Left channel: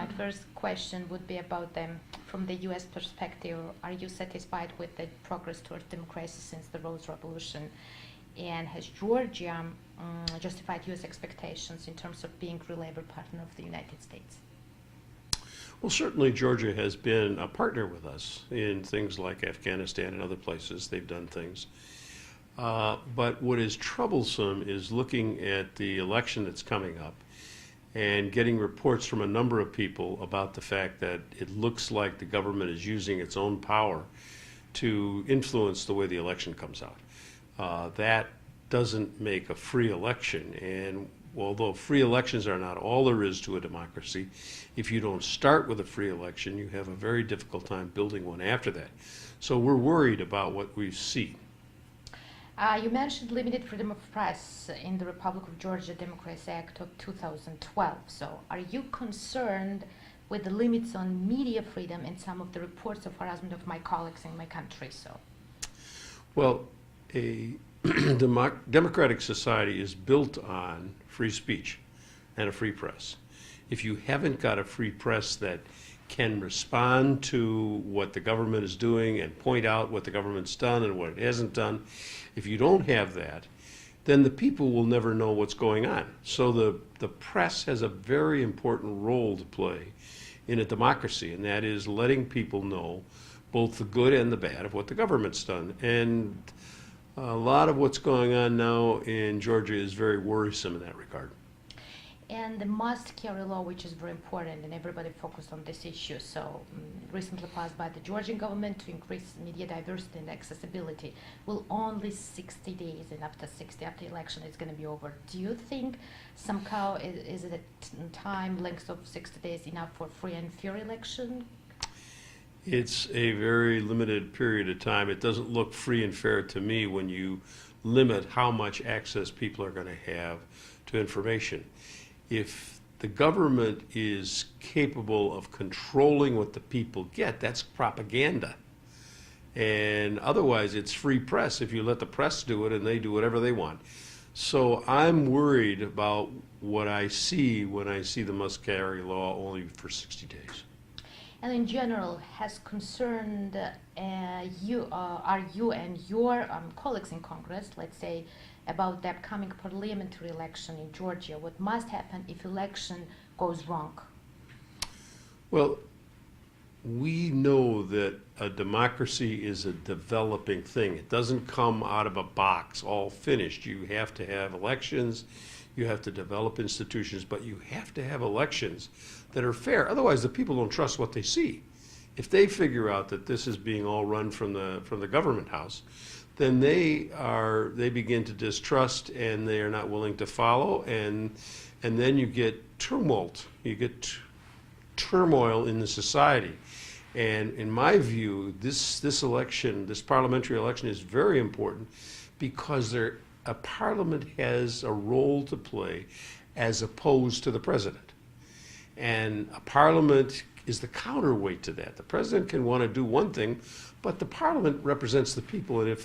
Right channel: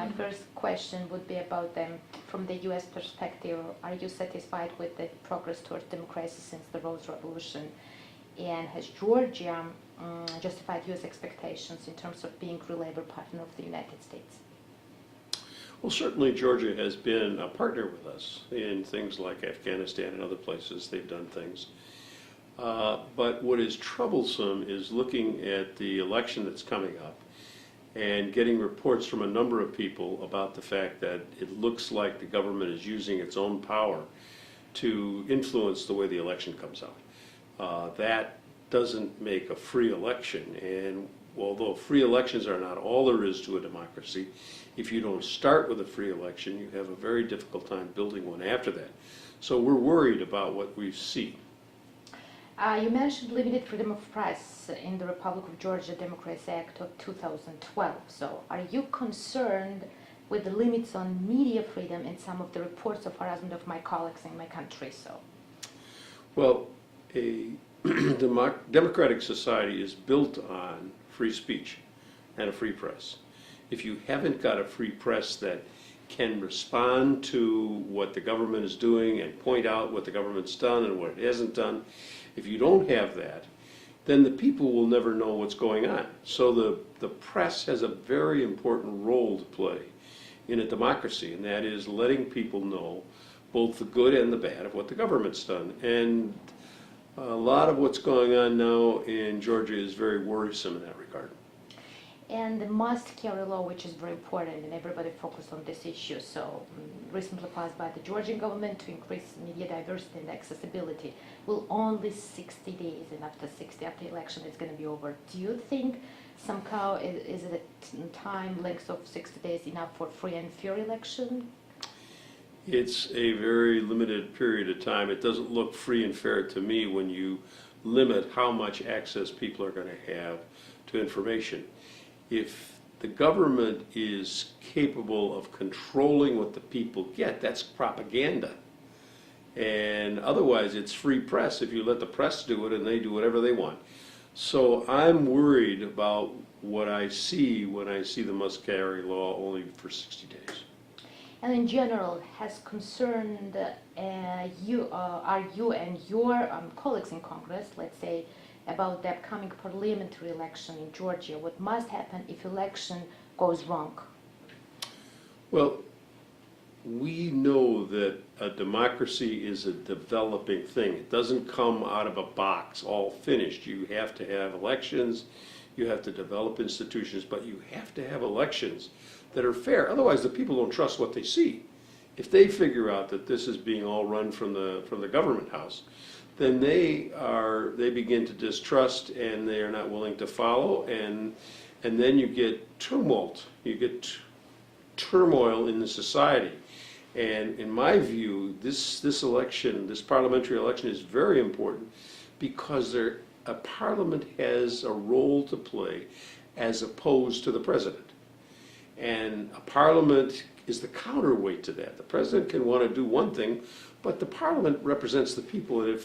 My first question would be about them from the U.S. perspective. Are you satisfied with the progress towards democracy since the Rose Revolution? And has Georgia justified U.S. expectations in terms of being a reliable partner of the United States? Well, certainly Georgia has been a partner with us in things like Afghanistan and other places. They've done things. But what is troublesome is looking at the election that's coming up and getting reports from a number of people about the fact that it looks like the government is using its own power to influence the way the election comes out. That doesn't make a free election, and although free elections are not all there is to a democracy, if you don't start with a free election, you have a very difficult time building one after that. So we're worried about what we see. You mentioned limited freedom of press in the Republic of Georgia Democracy Act of 2012. So are you concerned with the limits on media freedom and some of the reports of harassment of my colleagues in my country? Well, a democratic society is built on free speech and a free press. If you haven't got a free press that can respond to what the government is doing and point out what the government's done and what it hasn't done, if you don't have that, then the people will never know what's going on. So the press has a very important role to play in a democracy, and that is letting people know both the good and the bad of what the government's done. And a lot of what's going on now in Georgia is very worrisome in that regard. And the must-carry law, which is very important, and everybody focused on this issue. So recently passed by the Georgian government to increase media diversity and accessibility, will only 60 days, and after the election, it's going to be over. Do you think somehow is it a time length of 60 days enough for free and fair election? It's a very limited period of time. It doesn't look free and fair to me when you limit how much access people are going to have to information. If the government is capable of controlling what the people get, that's propaganda. And otherwise, it's free press if you let the press do it and they do whatever they want. So I'm worried about what I see when I see the must-carry law only for 60 days. And in general, has concerned are you and your colleagues in Congress, let's say, about the upcoming parliamentary election in Georgia? What must happen if election goes wrong? Well, we know that a democracy is a developing thing. It doesn't come out of a box all finished. You have to have elections, you have to develop institutions, but you have to have elections that are fair. Otherwise, the people don't trust what they see. If they figure out that this is being all run from the government house, then they begin to distrust, and they are not willing to follow, and then you get tumult, you get turmoil in the society. And in my view, this election, this parliamentary election, is very important because a parliament has a role to play as opposed to the president. And a parliament is the counterweight to that. The president can want to do one thing, but the parliament represents the people, and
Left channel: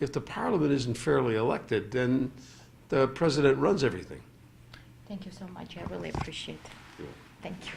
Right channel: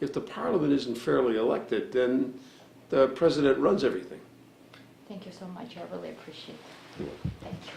if the parliament isn't fairly elected, then the president runs everything. Thank you so much. I really appreciate it. Thank you.